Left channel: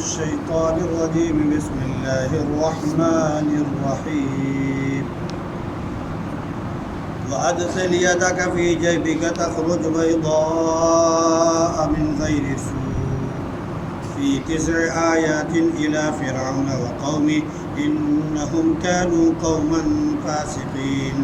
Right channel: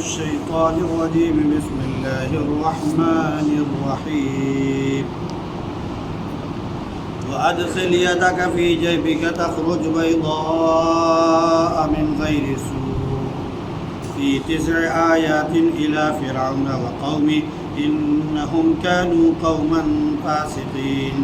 الشيطان الرجيم بسم الله الرحمن الرحيم وأدخل يدك في جيبك تخرج بيضاء من غير سوء في 9 آيات إلى فرعون وقومه إنهم كانوا قوما فاسقين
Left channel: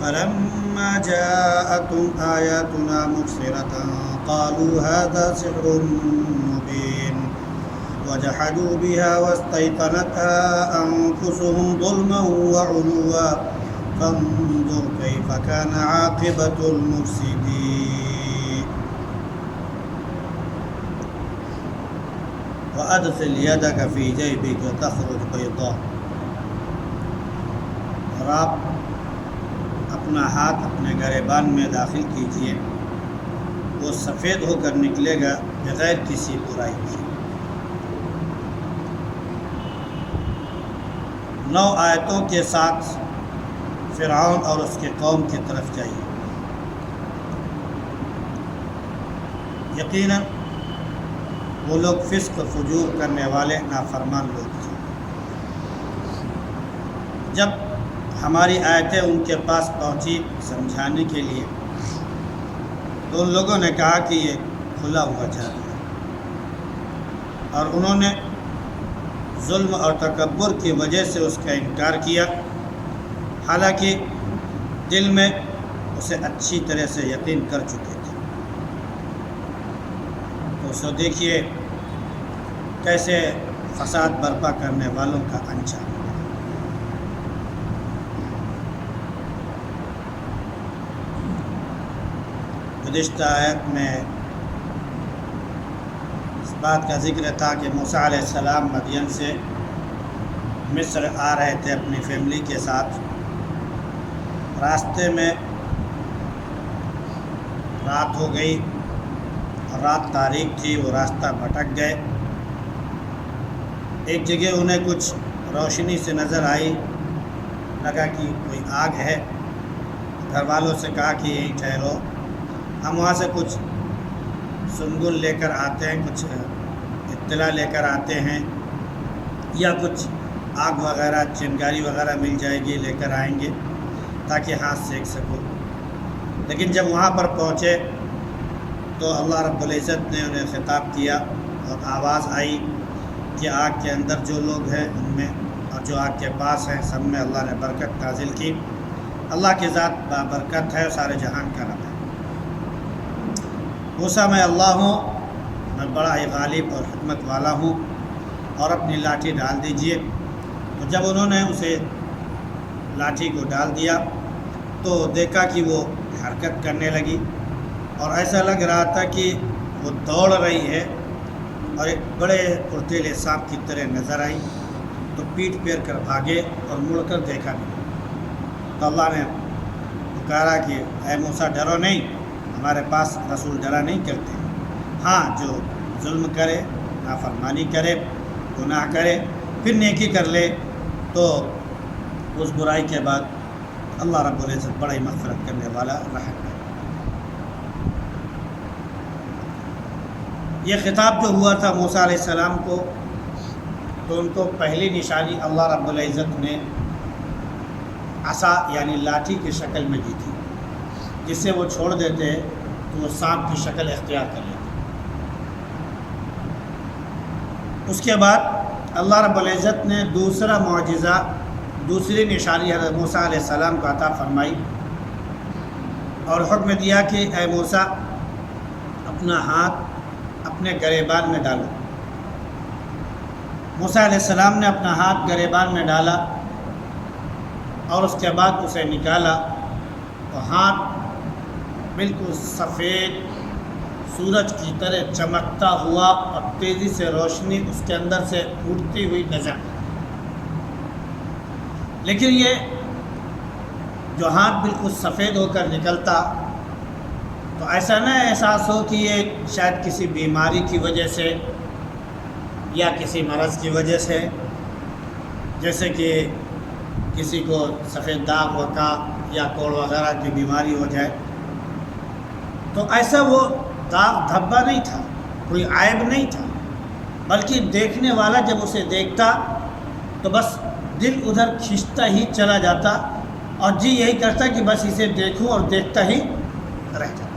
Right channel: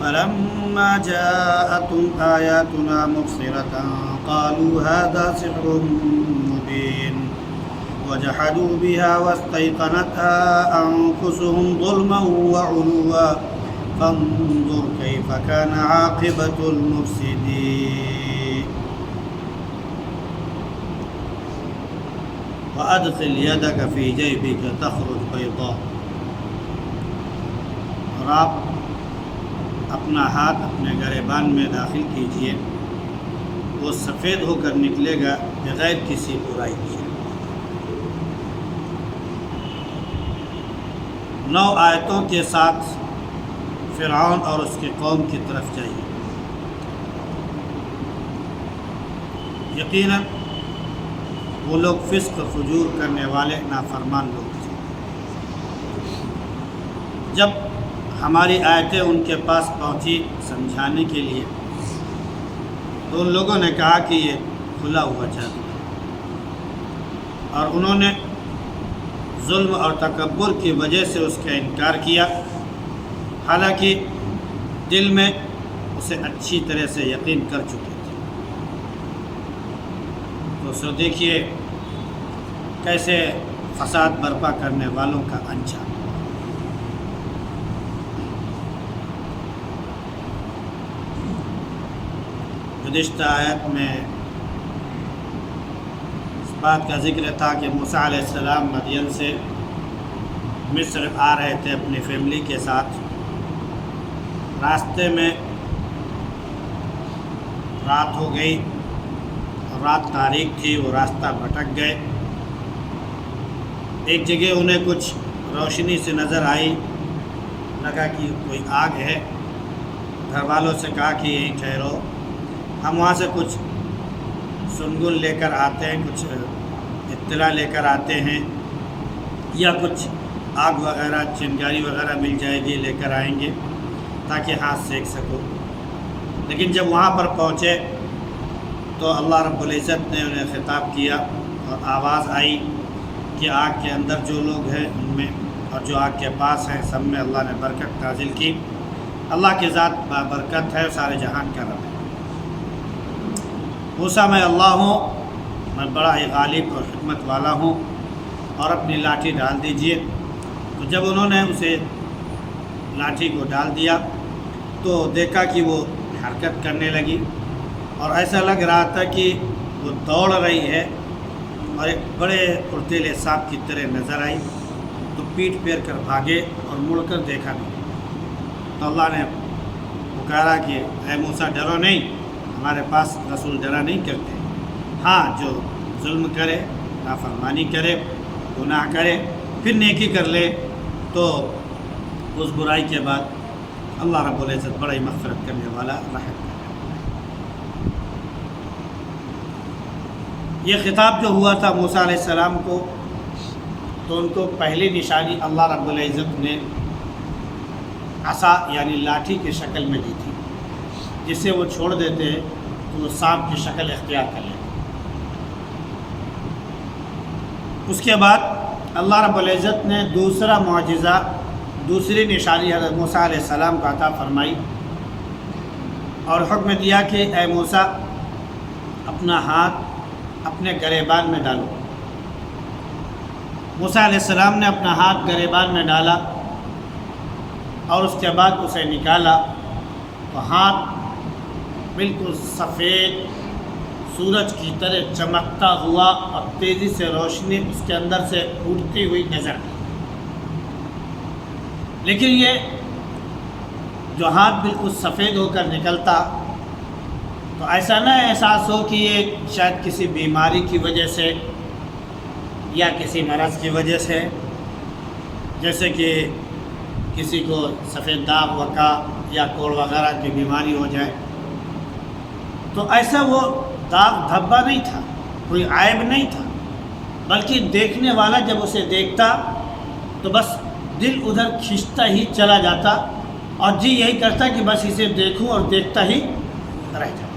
فلما جاءتهم آياتنا مبصرة قالوا هذا سحر مبين وجحدوا بها واستيقنتها أنفسهم ظلما وعلوا فانظر كيف كان عاقبة المفسدين وأدخل يدك في جيبك تخرج بيضاء اور آپ اپنا ہاتھ اپنے گریبان میں داخل کیجئے، وہ سفید ہو کر نکلے گا بغیر کسی برائی کے۔ 9 آیتوں کے ساتھ فرعون اور اس کی قوم کی طرف جائیے۔ یقیناً وہ لوگ فسق و فجور کرنے والے نافرمان لوگ تھے۔ جب ہماری آیتیں ان کے پاس پہنچی سمجھانے کے لیے تو ان لوگوں نے کہا کہ یہ کھلا ہوا جادو ہے، اور انہوں نے ظلم اور تکبر کی وجہ سے اس کا انکار کیا، حالانکہ دل میں اسے اچھی طرح سے یقین کر چکے تھے۔ تو سو دیکھیے کیسے فساد برپا کرنے والوں کا انجام۔ گزشتہ آیت میں اس بات کا ذکر تھا کہ موسیٰ علیہ السلام مدین سے مصر آ رہے تھے اپنی فیملی کے ساتھ۔ راستے میں رات ہو گئی اور رات تاریک تھی، وہ راستہ بھٹک گئے۔ ایک جگہ انہیں کچھ روشنی سے نظر آئی، لگا کہ کوئی آگ ہے۔ گھر والوں سے کہا کہ یہیں ٹھہرو، ہم وہاں سے کچھ سنگل لے کر آتے ہیں، کچھ اطلاع لے کر آتے ہیں، یا کچھ آگ وغیرہ چنگاری وغیرہ مل جائے گی لے کر آئیں گے تاکہ ہاتھ سیک سکو۔ لیکن جب وہاں پر پہنچے تو اللہ رب العزت نے انہیں خطاب کیا اور آواز آئی کہ آگ کے اندر جو لوگ ہیں ان میں اور جو آگ کے پاس ہیں سب میں اللہ نے برکت نازل کی۔ اللہ کی ذات برکت ہے، سارے جہان کا رب ہے۔ موسیٰ میں اللہ ہوں، میں بڑا ہی غالب اور حکمت والا ہوں، اور اپنی لاٹھی ڈال دیجئے۔ تو جب انہوں نے اسے لاٹھی کو ڈال دیا تو دیکھا کہ وہ حرکت کرنے لگی، اور ایسا لگ رہا تھا کہ وہ دوڑ رہی ہے، اور ایک بڑے پرتیلے سانپ کی طرح نظر آئی۔ تو پیٹ پھیر کر بھاگے اور مڑ کر دیکھا نہیں۔ تو اللہ نے پکارا کہ اے موسیٰ ڈرو نہیں، ہمارے پاس رسول ڈرا نہیں کرتے، ہاں جو ظلم کرے، نافرمانی کرے، گناہ کرے، پھر نیکی کر لے تو اس برائی کے بعد اللہ رب العزت بڑا ہی مغفرت کرنے والا رحم ہے۔ یہ خطاب جو ہوا تھا موسیٰ علیہ السلام کو، تو ان کو پہلی نشانی اللہ رب العزت نے عصا یعنی لاٹھی کی شکل میں دی تھی، جس سے وہ چھوڑ دیتے تو وہ سانپ کی شکل اختیار کر لیتے۔ اس کے بعد اللہ رب العزت نے دوسرا معجزہ، دوسری نشانی حضرت موسیٰ علیہ السلام کو عطا فرمائی اور حکم دیا کہ اے موسیٰ اپنا ہاتھ اپنے گریبان میں ڈالو۔ موسیٰ علیہ السلام نے اپنا ہاتھ گریبان میں ڈالا اور اس کے بعد اسے نکالا، تو ہاتھ بالکل سفید سورج کی طرح چمکتا ہوا اور تیزی سے روشنی اس کے اندر سے اٹھتی ہوئی نظر آئی۔ لیکن یہ جو ہاتھ بالکل سفید ہو کر نکلتا تو ایسا نہ احساس ہو کہ یہ شاید کسی بیماری کی وجہ سے یا کسی مرض کی وجہ سے، جیسے کہ کسی کو سفید داغ وقع یا کوڑ وغیرہ کی بیماری ہو جائے، تو ایسا وہ داغ دھبا نہیں تھا، کوئی عیب نہیں تھا، بلکہ دیکھنے والا جب اسے دیکھتا تو بس دل ادھر کھینچتا ہی چلا جاتا اور جی یہی کرتا کہ بس اسے دیکھوں اور دیکھتا ہی رہ جاتا۔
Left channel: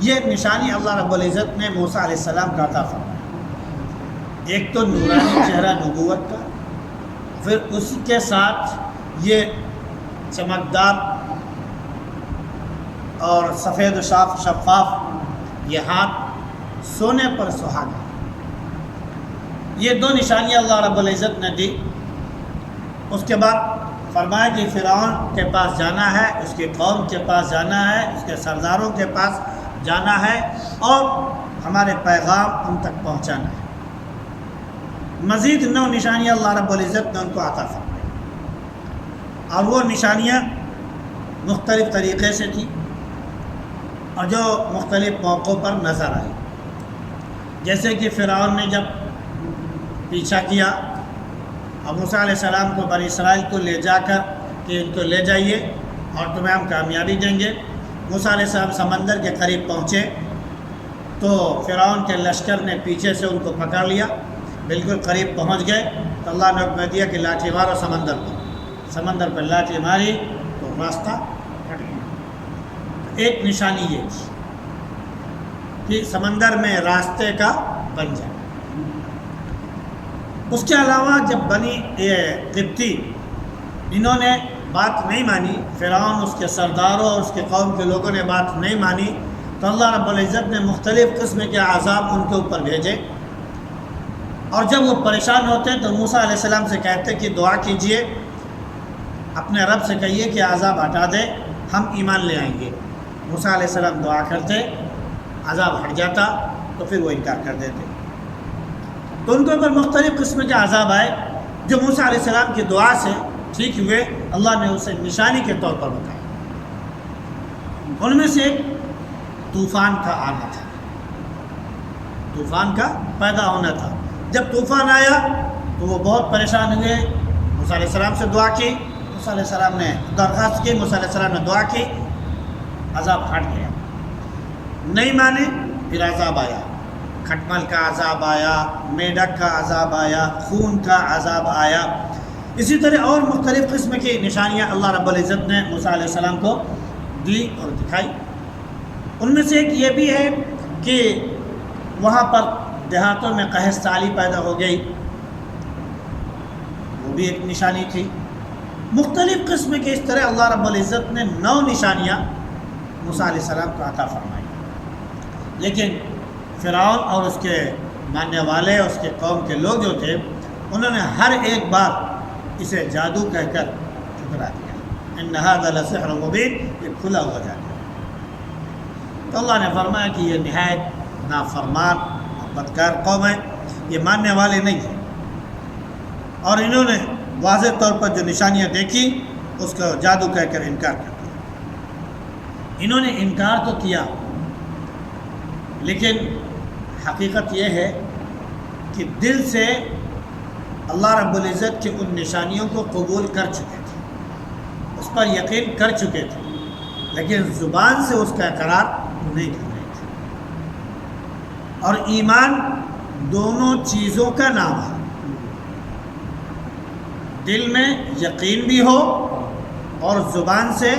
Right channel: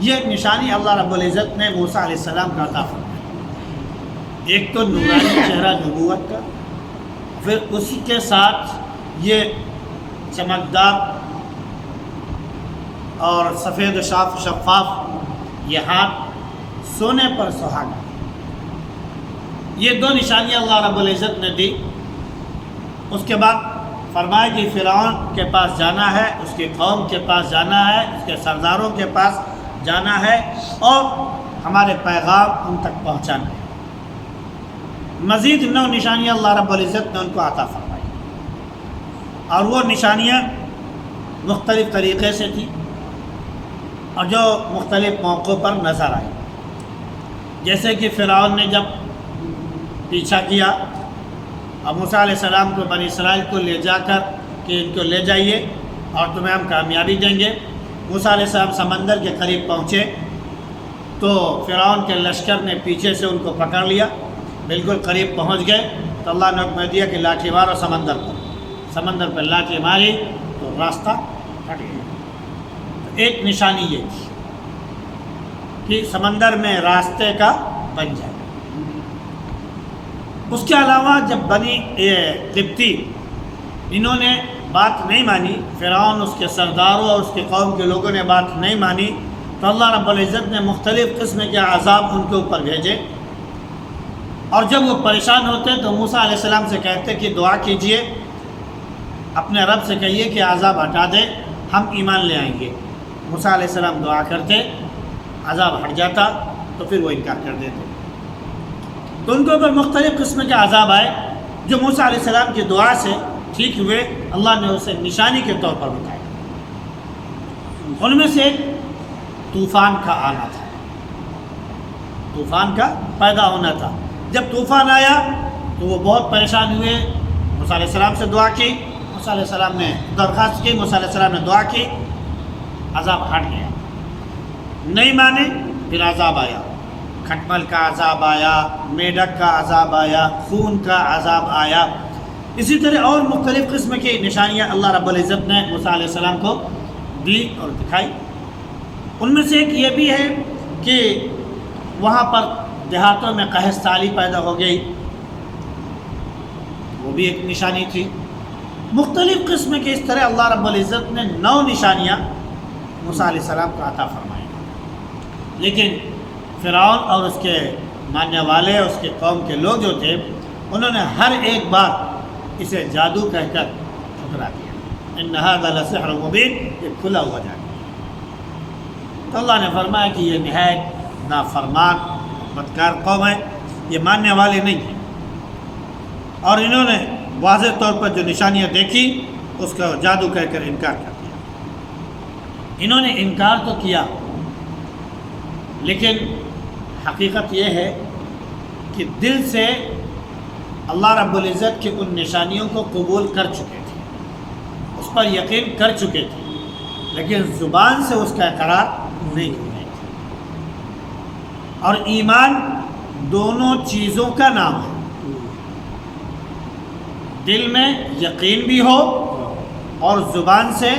یہ نشانی اللہ رب العزت نے موسیٰ علیہ السلام کا عطا فرمائی، ایک تو نورانی چہرہ نبوت کا، پھر اسی کے ساتھ یہ چمکدار اور سفید و شفاف یہ ہاتھ سونے پر سہاگا۔ یہ دو نشانیاں اللہ رب العزت نے دی۔ اس کے بعد فرمایا کہ فرعون کے پاس جانا ہے، اس کی قوم کے پاس جانا ہے، اس کے سرداروں کے پاس جانا ہے اور ہمارے پیغام ان تک پہنچانا ہے۔ مزید 9 نشانیاں اللہ رب العزت نے ان کو عطا فرمائی، اور وہ نشانیاں مختلف طریقے سے تھیں اور جو مختلف موقعوں پر نظر آئی۔ جیسے کہ فرعون نے جب پیچھا کیا اور موسیٰ علیہ السلام کو بنی اسرائیل کو لے جا کر کہ ان کو لے جائیے اور تمہیں ہم کامیابی دیں گے، موسیٰ علیہ السلام سمندر کے قریب پہنچے تو فرعون کے لشکر نے پیچھے سے ان کو پکڑ لیا، بالکل قریب پہنچ گئے تو اللہ نے حکم دیا کہ لاٹھی مارو سمندر پر لاٹھی ماری تو راستہ ہٹ گیا۔ تو ایک نشانی یہ تھی کہ سمندر میں راستے کا بن جائے۔ اس کے علاوہ جب بنی قبطی انہوں نے بات نہیں مانی، فرعون اس کے سرداروں اور اس کے قوم کے لوگوں نے بات نہیں مانی، تو اللہ رب العزت نے مختلف قسم کے عذاب ان کے اوپر بھیجے، اور جب وہ پریشان ہوتے تو موسیٰ علیہ السلام سے کہتے کہ دعا کیجئے، اپنے رب سے کہیے کہ عذاب ہٹا دے، ہم ایمان لے آئیں گے۔ موسیٰ علیہ السلام دعا کرتے، عذاب ہٹ جاتا تو پھر وہ انکار کر دیتے۔ تو ان کے اوپر مختلف قسم کے عذاب آئے جو موسیٰ علیہ السلام کی دعا سے ٹھیک ہوئے، اللہ نے اسے نشانی کے طور پر بتایا۔ ان میں سے ایک طوفان کا آنا تھا، طوفان کا پیدا ہونا تھا۔ جب طوفان آیا تو وہ بہت پریشان ہوئے، موسیٰ علیہ السلام سے دعا کی، موسیٰ علیہ السلام نے درخواست کی، موسیٰ علیہ السلام نے دعا کی، عذاب ہٹ گیا۔ نہیں مانے، پھر عذاب آیا، کھٹمل کا عذاب آیا، میڈک کا عذاب آیا، خون کا عذاب آیا۔ اسی طرح اور مختلف قسم کی نشانیاں اللہ رب العزت نے موسیٰ علیہ السلام کو دی اور دکھائی۔ ان میں سے ایک یہ بھی ہے کہ وہاں پر دیہاتوں میں قحط سالی پیدا ہو گئی، وہ بھی ایک نشانی تھی۔ مختلف قسم کے اس طرح اللہ رب العزت نے 9 نشانیاں موسیٰ علیہ السلام کو عطا فرمائی، لیکن فرعون اور اس کے ماننے والے، اس کے قوم کے لوگ جو تھے، انہوں نے ہر ایک بار اسے جادو کہہ کر ٹھکرا دیا۔ ان ھذا لسحر مبین، یہ کھلا ہوا جادو۔ تو اللہ نے فرمایا کہ یہ نہایت نافرمان بدکار قوم ہے، یہ ماننے والے نہیں ہیں، اور انہوں نے واضح طور پر جو نشانیاں دیکھی اس کا جادو کہہ کر انکار کر دیا۔ انہوں نے انکار تو کیا، لیکن حقیقت یہ ہے کہ دل سے اللہ رب العزت کی ان نشانیوں کو قبول کر چکے تھے، اس پر یقین کر چکے تھے، لیکن زبان سے اس کا اقرار نہیں کر رہے تھے۔ اور ایمان دونوں چیزوں کا نام ہے، دل میں یقین بھی ہو اور زبان سے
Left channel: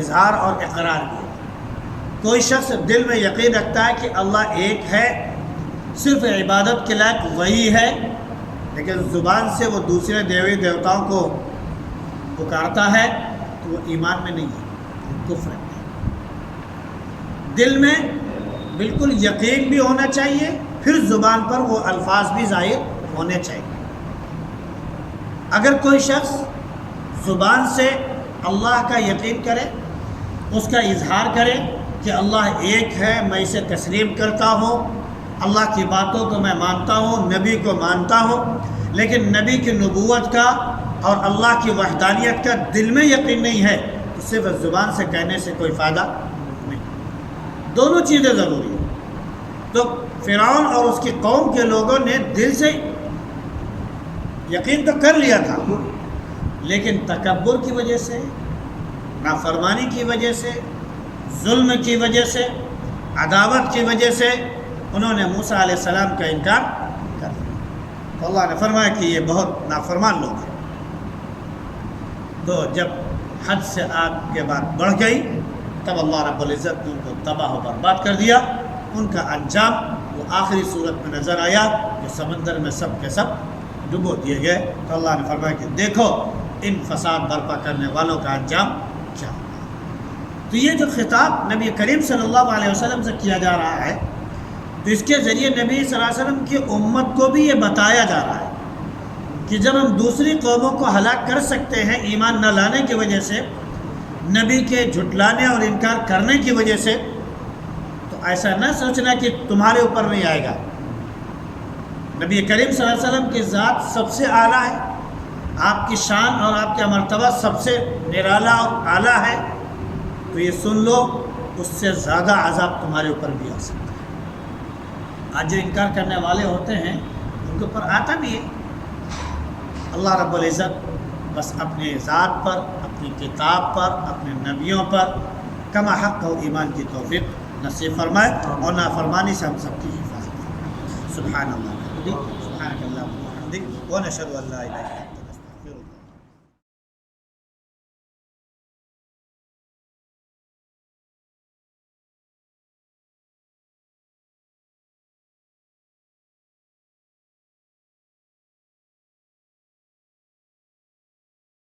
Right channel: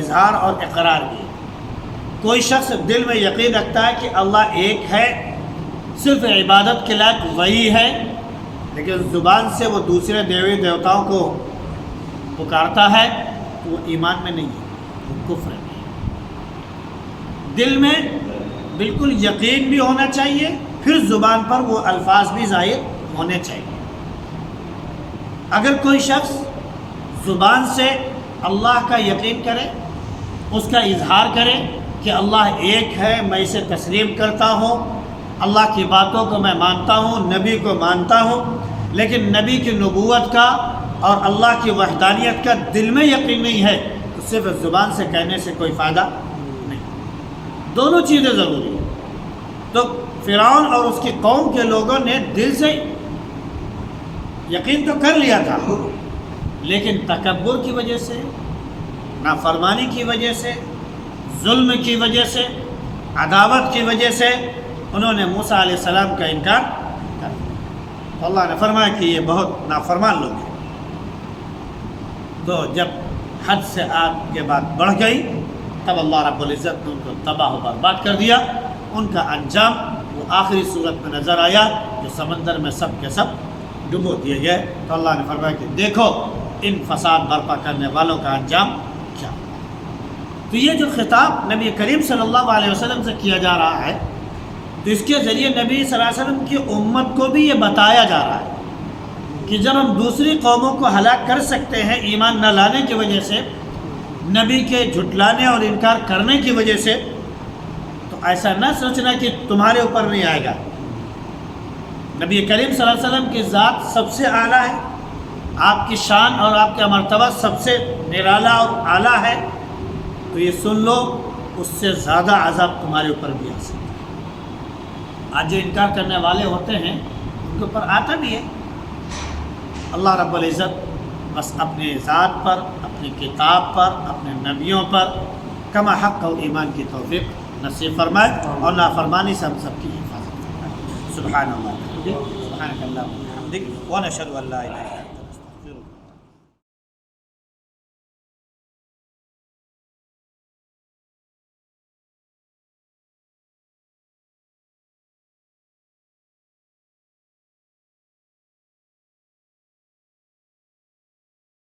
اظہار اور اقرار بھی۔ کوئی شخص دل میں یقین رکھتا ہے کہ اللہ ایک ہے، صرف عبادت کے لائق وہی ہے، لیکن زبان سے وہ دوسرے دیوی دیوتاؤں کو پکارتا ہے، تو وہ ایمان میں نہیں ہے، وہ کفر ہے۔ دل میں بالکل یقین بھی ہونا چاہیے، پھر زبان پر وہ الفاظ بھی ظاہر ہونے چاہیے۔ اگر کوئی شخص زبان سے اللہ کا یقین کرے، اس کا اظہار کرے کہ اللہ ایک ہے، میں اسے تسلیم کرتا ہوں، اللہ کی باتوں کو میں مانتا ہوں، نبی کو مانتا ہوں، لیکن نبی کی نبوت کا اور اللہ کی وحدانیت کا دل میں یقین نہیں ہے، تو صرف زبان سے کہنے سے کوئی فائدہ نہیں۔ دونوں چیزیں ضروری ہیں۔ تو فرعون اور اس کی قوم کے لوگوں نے دل سے یقین تو کر لیا تھا، لیکن تکبر کی وجہ سے، نافرمانی کی وجہ سے، ظلم کی وجہ سے، عداوت کی وجہ سے انہوں نے موسیٰ علیہ السلام کا انکار تو اللہ نے فرمایا کہ یہ بہت نافرمان لوگ ہیں. تو جب حد سے آگے بات بڑھ گئی تب اللہ رب العزت نے ان کو تباہ و برباد کر دیا. ان کا انجام وہ آخری صورت میں نظر آیا کہ سمندر میں سب کے سب ڈبو دیے گئے. تو اللہ نے فرمایا کہ دیکھو ان فساد برپا کرنے والوں کا انجام کیا ہوا. تو یہ جو خطاب نبی کریم صلی اللہ علیہ وسلم سے کیا جا رہا ہے تو اس کے ذریعے نبی صلی اللہ علیہ وسلم کی امت کو بھی یہ بتایا جا رہا ہے کہ جب ہم دوسری قوموں کو ہلاک کر سکتے ہیں ایمان نہ لانے کی وجہ سے، نبی کے جھٹلانے اور انکار کرنے کی وجہ سے، تو ایسا نہ سوچنا کہ تمہارے اوپر نہیں آئے گا. نبی کریم صلی اللہ علیہ وسلم کی ذات سب سے اعلیٰ ہے، آپ کی شان اور آپ کا مرتبہ سب سے نرالا اور اعلیٰ ہے. تو یہ سن لو اس سے زیادہ عذاب تمہارے اوپر بھی آ سکتا ہے. آج جو انکار کرنے والے ہوتے ہیں ان کے اوپر آتا بھی ہے. اللہ رب العزت بس اپنے ذات پر، اپنی کتاب پر، اپنے نبیوں پر کما حق و ایمان کی توفیق نصیب فرمائے اور نافرمانی سے ہم سب کی حفاظت فرمائے. سبحان اللہ، سبحانک اللہم و بحمدک ونشہد ان لا الہ الا انت.